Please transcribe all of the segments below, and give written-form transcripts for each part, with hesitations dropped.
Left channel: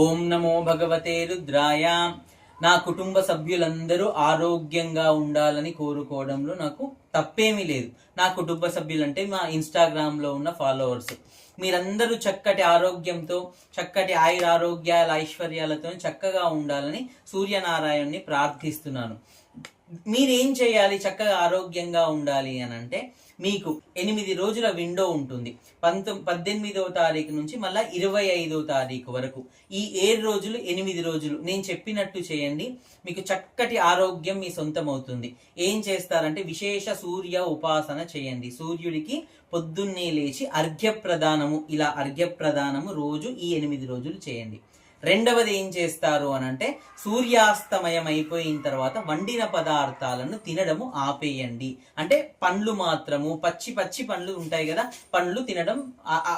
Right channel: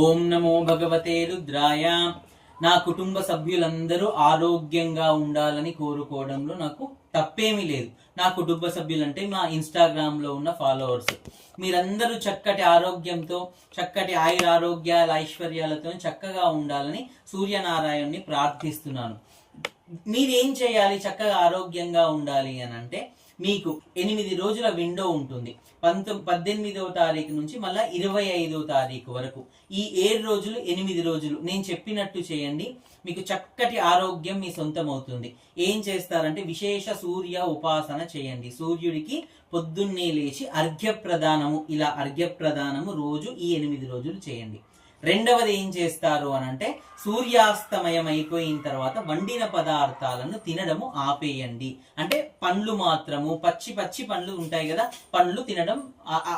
ఓం నమో భగవతే రుద్రాయ. నా కుటుంబ సభ్యులందరూ ఆరోగ్యంగా ఉండాలని కోరుకోవడంలో నాకు తప్పేమీ లేదు. నా కుటుంబ సభ్యులంటే మా ఇన్స్టాగ్రామ్ లో ఉన్న ఫాలోవర్స్. మీరందరూ చక్కటి ఆరోగ్యంతో, చక్కటి ఆయురారోగ్యాల ఐశ్వర్యాలతో చక్కగా ఉండాలని సూర్యనారాయణ్ణి ప్రార్థిస్తున్నాను. మీరేం చేయాలి చక్కగా ఆరోగ్యంగా ఉండాలి అని అంటే, మీకు 8 రోజుల విండో ఉంటుంది. 18వ తారీఖు నుంచి మళ్ళీ 25వ తారీఖు వరకు. ఈ 7 రోజులు 8 రోజులు నేను చెప్పినట్టు చేయండి. మీకు చక్కటి ఆరోగ్యం మీ సొంతం అవుతుంది. ఏం చేస్తారంటే, విశేష సూర్య ఉపాసన చేయండి. సూర్యుడికి పొద్దున్నే లేచి అర్ఘ్యప్రదానము, ఇలా అర్ఘ్యప్రదానము రోజు ఈ 8 రోజులు చేయండి. రెండవది ఏం చేస్తారు అని అంటే, సూర్యాస్తమయం అయిపోయిన తర్వాత వండిన పదార్థాలను తినడము ఆపేయండి. అంటే పండ్లు మాత్రము, పచ్చి పండ్లు ఉంటాయి కదా, పండ్లు తినడం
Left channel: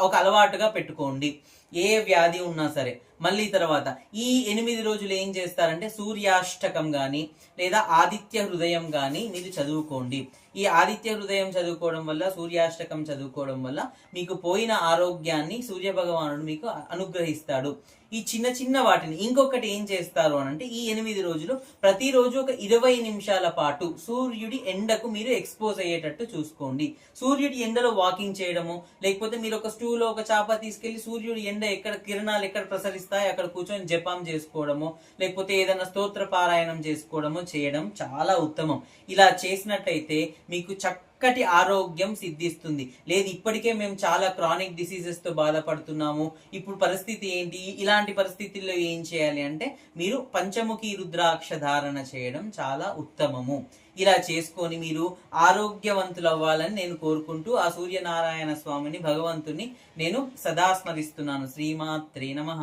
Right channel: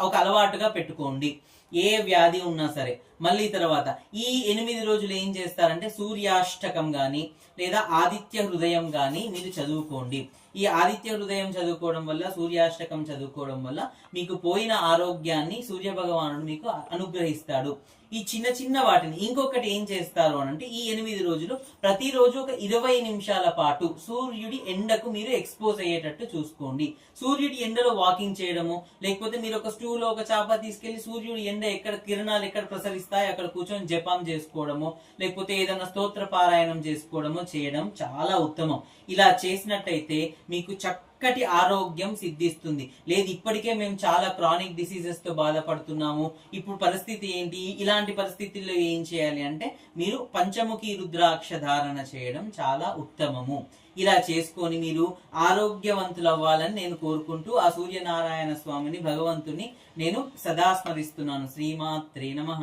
ఒక అలవాటుగా పెట్టుకోండి. ఏ వ్యాధి ఉన్నా సరే. మళ్ళీ తర్వాత ఈ 8 రోజులు ఏం చేస్తారంటే, సూర్యాష్టకం గాని లేదా ఆదిత్య హృదయం గాని మీరు చదువుకోండి. ఈ ఆదిత్య హృదయం చదువుకోవడం వల్ల, సూర్యాష్టకం చదువుకోవడం వల్ల మీకు పోయిన ఆరోగ్యాన్ని సూర్య భగవానుడు మీకు అనుగ్రహిస్తాడు. ఈ చిన్న చిన్న వాటిని ఇంకొకటి ఏం చేస్తారు అని అంటే, ఈ 8 రోజులు ప్రతిరోజు ఒక 20 నిమిషాల పాటు సూర్యుడి ఎండకు మీరు ఎక్స్పోజ్ అయ్యేటట్టు చూసుకోండి. సూర్యుడి ఎండలో వాకింగ్ చేయడము, లేకపోతే మీరు ఒక స్టూలో ఒక చాప తీసుకెళ్లి సూర్యుడి ఎండ ఎక్కడ కిరణాలు ఎక్కడ ప్రసరిస్తాయి అక్కడ కూర్చొని జపం చేసుకోవడము, లేకపోతే ఏదైనా స్తోత్ర పారాయణం చేసుకోవడము చేయడం చాలా ఉత్తమం. ఇలా చేసినట్టయితే మీకు చక్కటి ఆరోగ్యం సిద్ధిస్తుంది. లేదు ఇప్పటికే మేము చాలా క్రానిక్ డిసీజెస్ తో బాధపడుతున్నాము, ఇప్పుడు పరిస్థితి ఏంటి, ఇలాంటి పరిస్థితుల్లో ఏం చేయాలి అంటే, మీరు పంచముఖి రుద్రాక్ష ధారణ చేయడం చాలా ఉత్తమము. ఇలా చేసుకొని మీరు ఆరోగ్యవంతులు అవ్వాలని నేను కోరుకుంటూ, ఆ సూర్యనారాయణ స్వామిని, భగవంతుని నేను సదా స్మరిస్తున్నాను. శ్రీమాత్రే నమః.